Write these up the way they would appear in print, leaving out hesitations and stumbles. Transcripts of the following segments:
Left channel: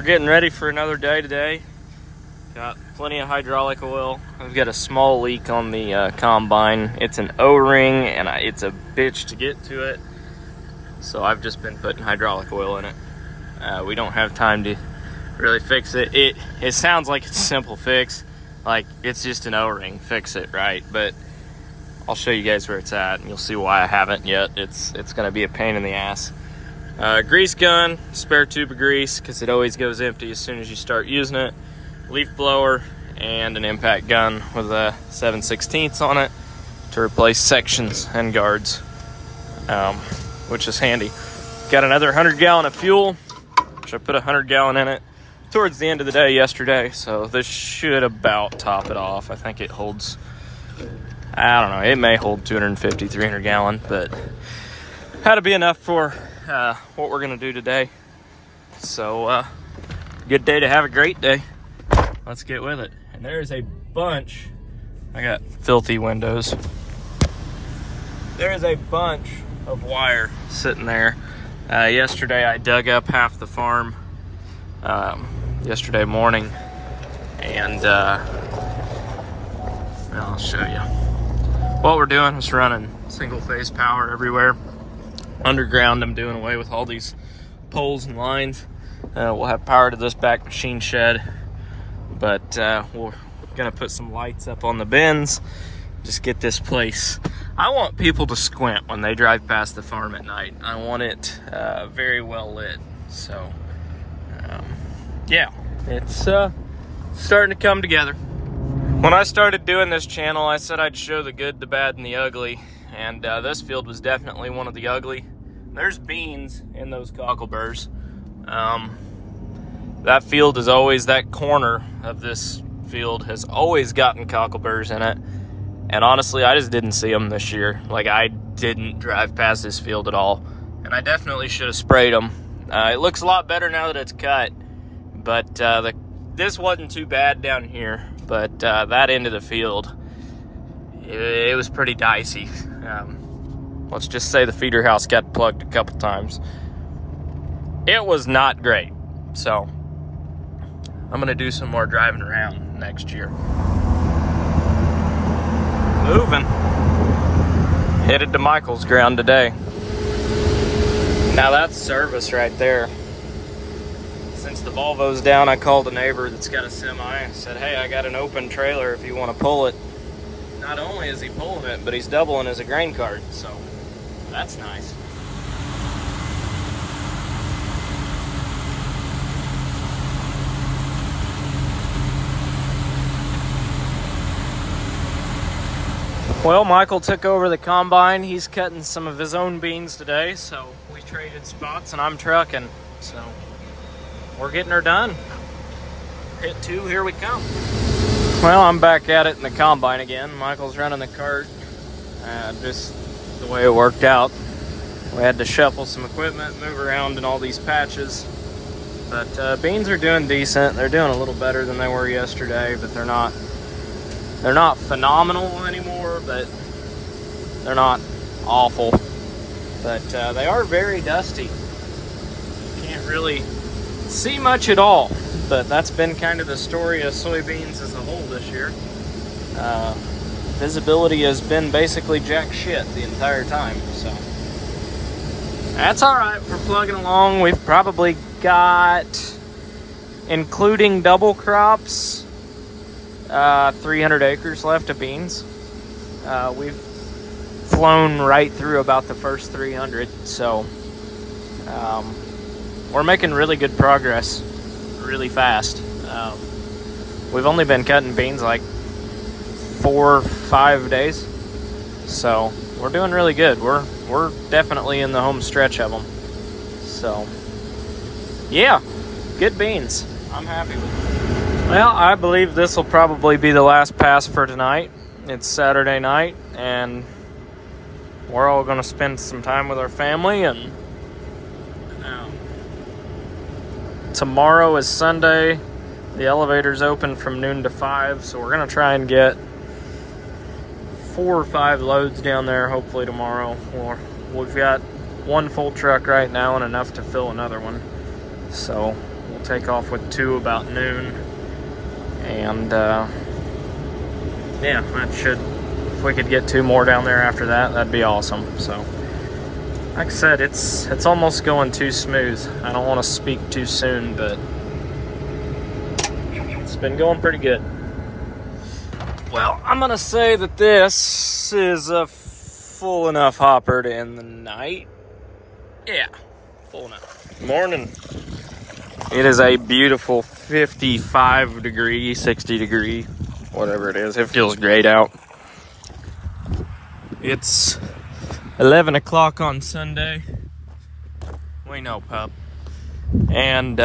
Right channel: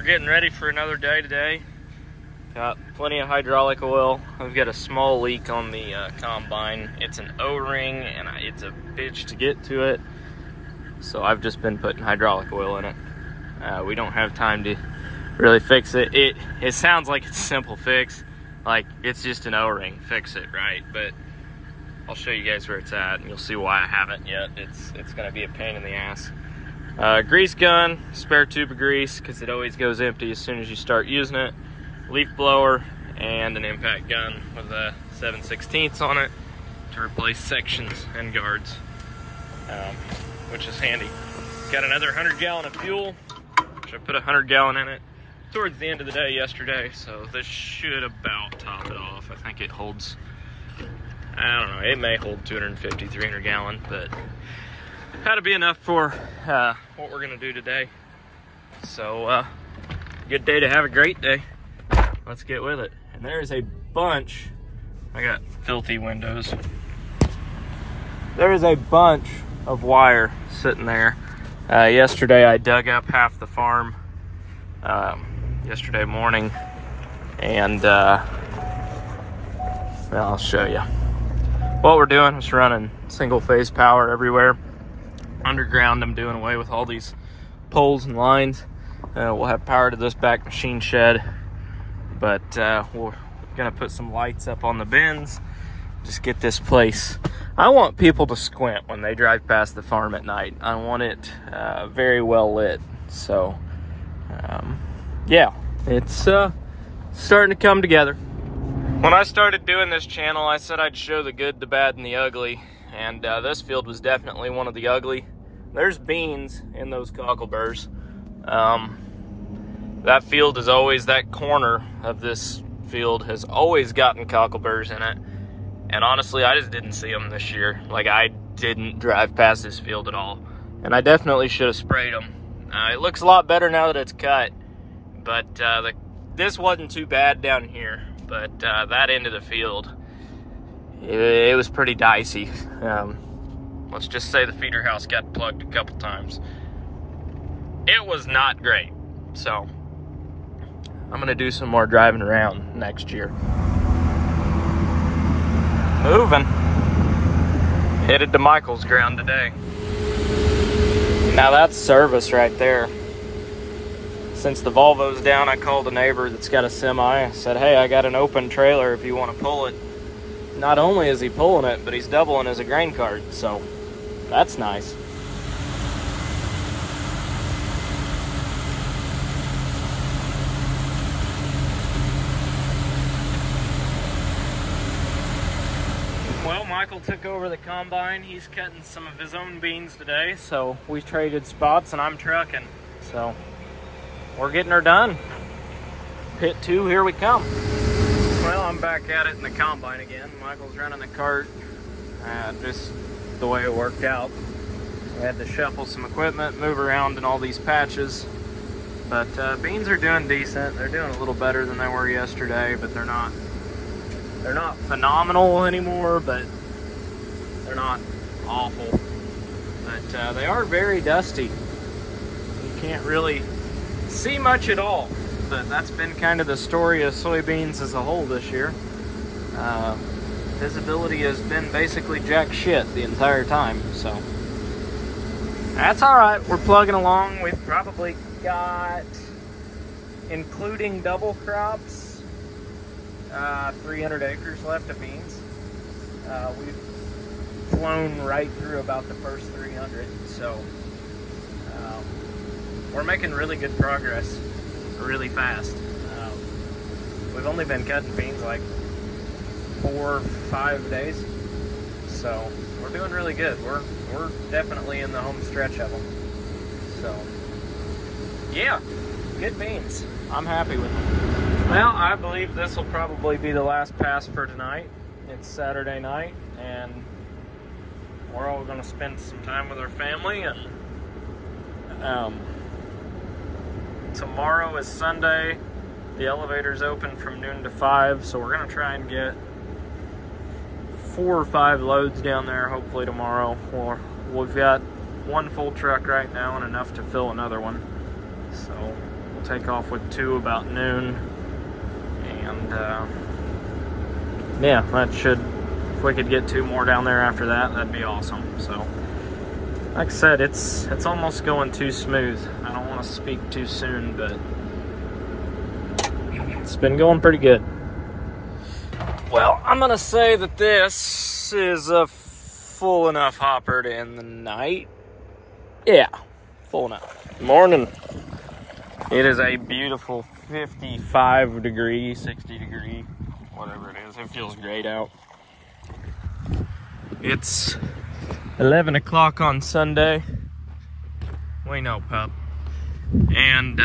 we're getting ready for another day today. Got plenty of hydraulic oil. I've got a small leak on the combine. It's an O-ring and it's a bitch to get to it. So I've just been putting hydraulic oil in it. We don't have time to really fix it. It sounds like it's a simple fix. Like it's just an O-ring, fix it, right? But I'll show you guys where it's at and you'll see why I haven't yet. It's gonna be a pain in the ass. Grease gun, spare tube of grease, because it always goes empty as soon as you start using it. Leaf blower, and an impact gun with a 7/16 on it to replace sections and guards, which is handy. Got another 100 gallon of fuel, which I put 100 gallon in it towards the end of the day yesterday, so this should about top it off. I think it holds, I don't know, it may hold 250, 300 gallon, but had to be enough for what we're gonna do today. So good day to have a great day. Let's get with it. And there's a bunch, I got filthy windows. There is a bunch of wire sitting there. Yesterday I dug up half the farm yesterday morning, and I'll show you. What we're doing is running single phase power everywhere. Underground, I'm doing away with all these poles and lines. We'll have power to this back machine shed, but we're gonna put some lights up on the bins. Just get this place. I want people to squint when they drive past the farm at night. I want it very well lit. So yeah, it's starting to come together. When I started doing this channel, I said I'd show the good, the bad, and the ugly. And this field was definitely one of the ugly. There's beans in those cockleburs. That field is always, that corner of this field has always gotten cockleburs in it. And honestly, I just didn't see them this year. Like, I didn't drive past this field at all. And I definitely should have sprayed them. It looks a lot better now that it's cut. But this wasn't too bad down here. But that end of the field, it was pretty dicey. Let's just say the feeder house got plugged a couple times. It was not great. So I'm gonna do some more driving around next year. Moving. Headed to Michael's ground today. Now that's service right there. Since the Volvo's down, I called a neighbor that's got a semi. I said, hey, I got an open trailer if you want to pull it. Not only is he pulling it, but he's doubling as a grain cart, so that's nice. Well, Michael took over the combine. He's cutting some of his own beans today, so we traded spots and I'm trucking. So we're getting her done. Pit 2, here we come. Well, I'm back at it in the combine again. Michael's running the cart. Just the way it worked out. We had to shuffle some equipment, move around in all these patches. But beans are doing decent. They're doing a little better than they were yesterday, but they're not phenomenal anymore, but they're not awful. But they are very dusty. You can't really see much at all. But that's been kind of the story of soybeans as a whole this year. Visibility has been basically jack shit the entire time, so that's all right. We're plugging along. We've probably got, including double crops, 300 acres left of beans. We've flown right through about the first 300, so we're making really good progress really fast. We've only been cutting beans like 4 or 5 days, so we're doing really good. We're definitely in the home stretch of them. So yeah, good beans. I'm happy with them. Well, I believe this will probably be the last pass for tonight. It's Saturday night and we're all gonna spend some time with our family, and tomorrow is Sunday. The elevator's open from noon to 5, so we're gonna try and get 4 or 5 loads down there hopefully tomorrow. We've got one full truck right now and enough to fill another one, so we'll We'll take off with 2 about noon. And yeah, that should, if we could get 2 more down there after that, that'd be awesome. So, like I said, it's almost going too smooth. I don't want to speak too soon, but it's been going pretty good. Well, I'm gonna say that this is a full enough hopper to end the night. Yeah, full enough. Morning. It is a beautiful 55 degree, 60 degree, whatever it is. It feels great out. It's 11 o'clock on Sunday. We know, pup. And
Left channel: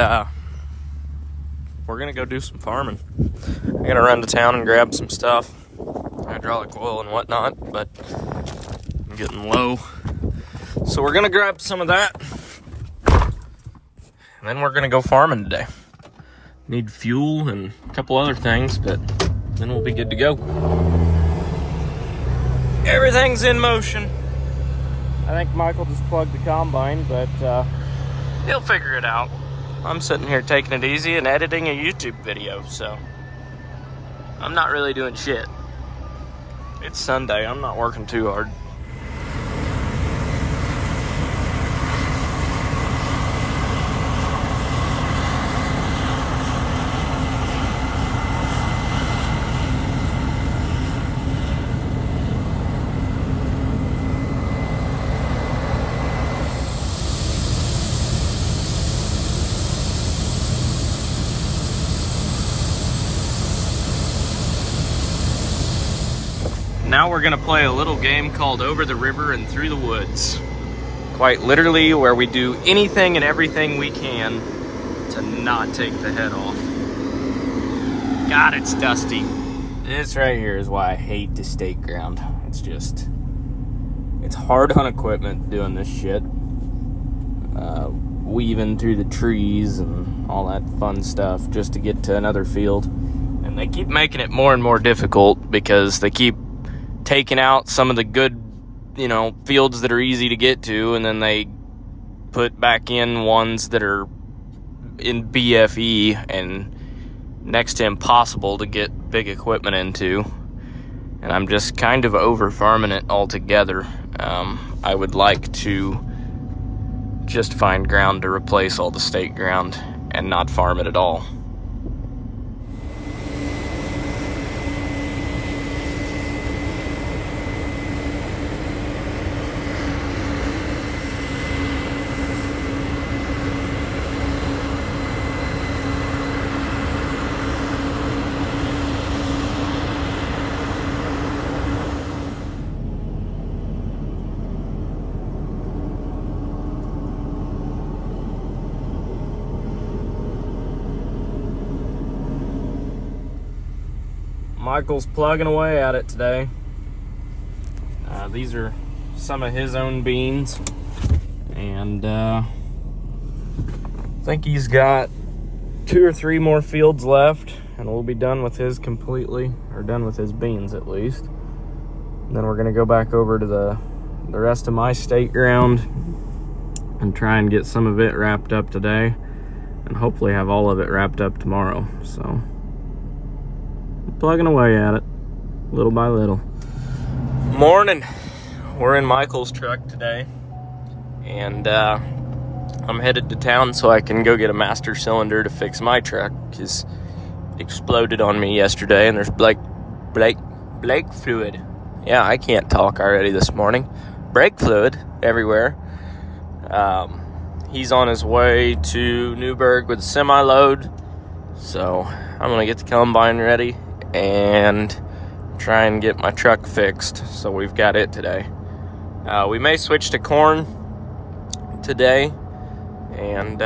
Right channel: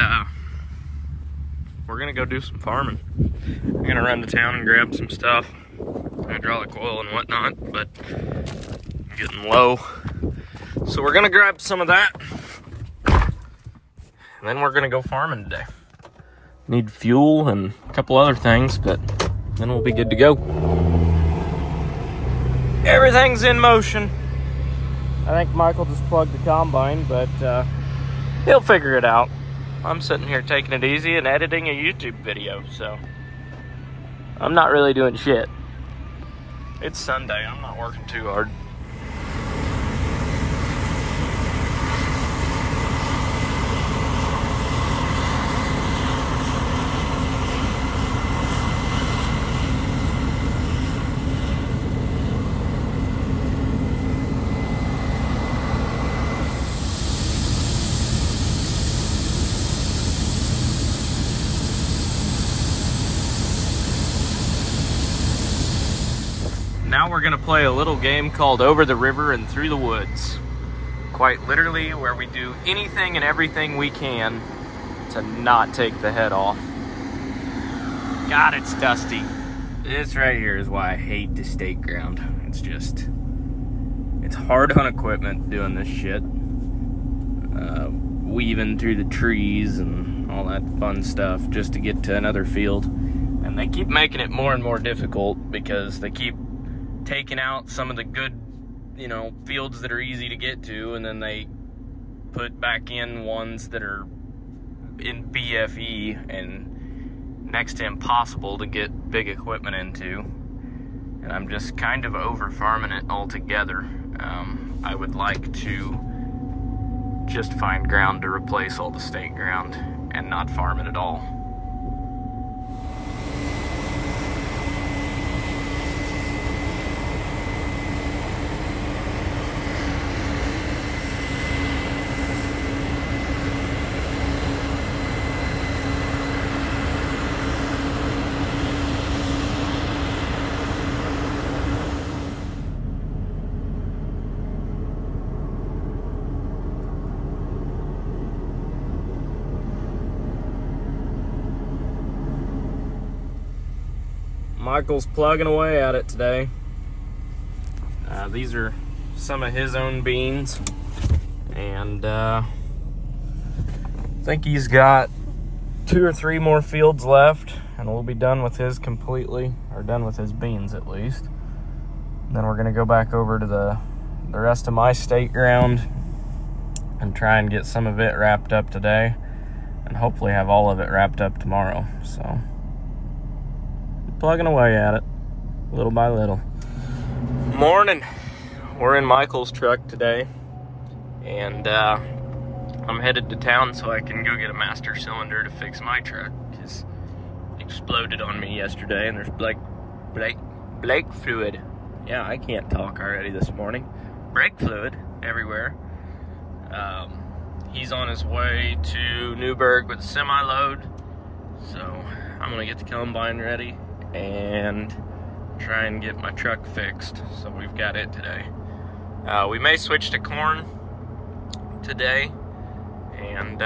we're gonna go do some farming. I'm gonna run to town and grab some stuff, hydraulic oil and whatnot, but I'm getting low. So we're gonna grab some of that. And then we're gonna go farming today. Need fuel and a couple other things, but then we'll be good to go. Everything's in motion. I think Michael just plugged the combine, but he'll figure it out. I'm sitting here taking it easy and editing a YouTube video, so I'm not really doing shit. It's Sunday, I'm not working too hard. Now we're gonna play a little game called Over the River and Through the Woods. Quite literally, where we do anything and everything we can to not take the head off. God, it's dusty. This right here is why I hate the state ground. It's just, it's hard on equipment doing this shit. Weaving through the trees and all that fun stuff just to get to another field. And they keep making it more and more difficult because they keep taking out some of the good, you know, fields that are easy to get to, and then they put back in ones that are in BFE and next to impossible to get big equipment into. And I'm just kind of over farming it altogether. I would like to just find ground to replace all the state ground and not farm it at all. Michael's plugging away at it today. These are some of his own beans, and I think he's got 2 or 3 more fields left, and we'll be done with his completely, or done with his beans at least. And then we're gonna go back over to the rest of my state ground and try and get some of it wrapped up today, and hopefully have all of it wrapped up tomorrow. So plugging away at it, little by little. Morning. We're in Michael's truck today, and I'm headed to town so I can go get a master cylinder to fix my truck, because it exploded on me yesterday, and there's brake fluid. Yeah, I can't talk already this morning. Brake fluid everywhere. He's on his way to Newburgh with a semi-load, so I'm gonna get the combine ready and try and get my truck fixed, so we've got it today. We may switch to corn today, and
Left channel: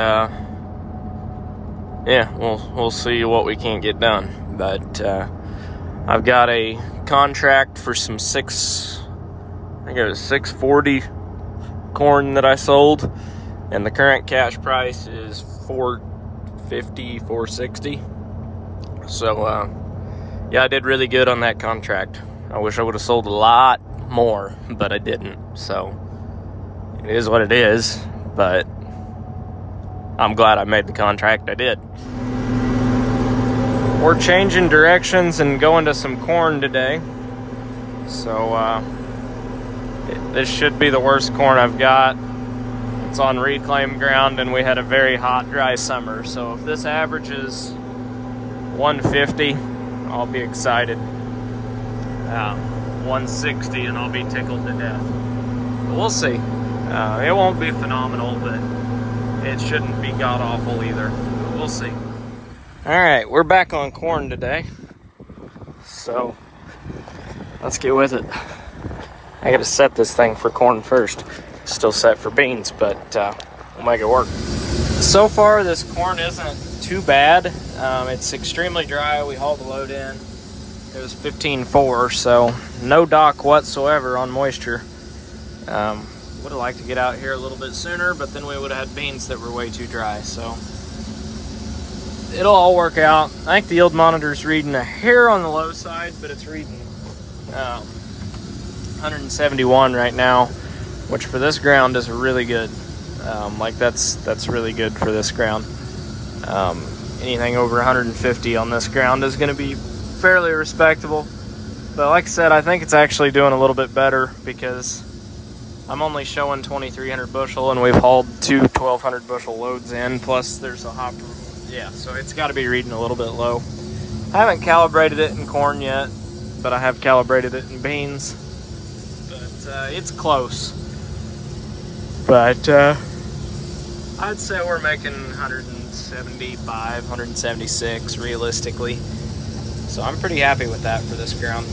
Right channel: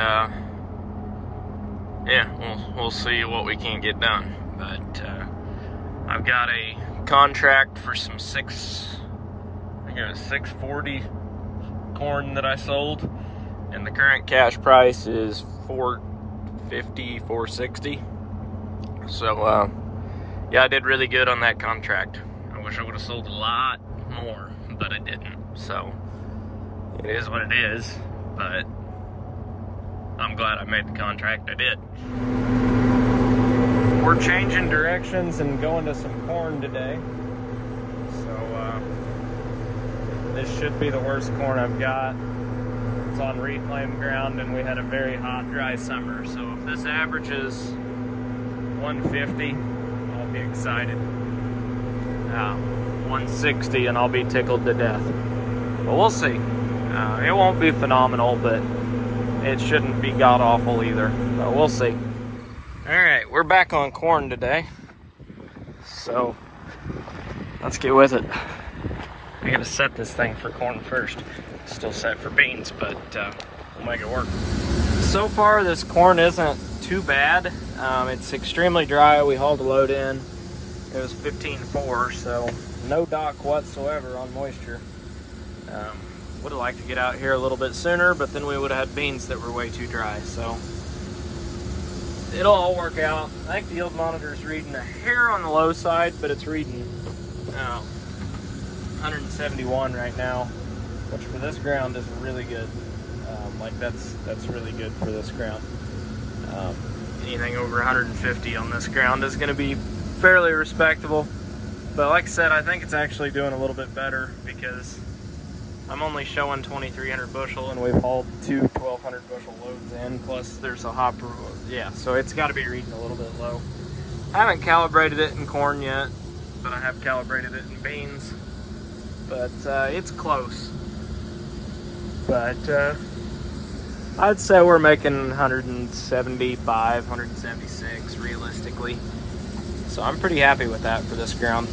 yeah, we'll see what we can get done. But I've got a contract for some 640 corn that I sold, and the current cash price is $450, $460. So yeah, I did really good on that contract. I wish I would have sold a lot more, but I didn't. So it is what it is. But I'm glad I made the contract I did. We're changing directions and going to some corn today. So this should be the worst corn I've got. It's on reclaimed ground and we had a very hot, dry summer. So if this averages 150, I'll be excited. 160 and I'll be tickled to death. But we'll see. It won't be phenomenal, but it shouldn't be god-awful either. So we'll see. Alright, we're back on corn today. So, let's get with it. I gotta set this thing for corn first. Still set for beans, but we'll make it work. So far, this corn isn't too bad. It's extremely dry. We hauled the load in. It was 15.4, so no dock whatsoever on moisture. Would have liked to get out here a little bit sooner, but then we would have had beans that were way too dry, so it'll all work out. I think the yield monitor's reading a hair on the low side, but it's reading 171 right now, which for this ground is really good. Like that's really good for this ground. Anything over 150 on this ground is going to be fairly respectable. But like I said, I think it's actually doing a little bit better because I'm only showing 2,300 bushel and we've hauled two 1,200 bushel loads in, plus there's a hopper. Yeah, so it's got to be reading a little bit low. I haven't calibrated it in corn yet, but I have calibrated it in beans. But it's close. But I'd say we're making 175, 176 realistically. So I'm pretty happy with that for this ground.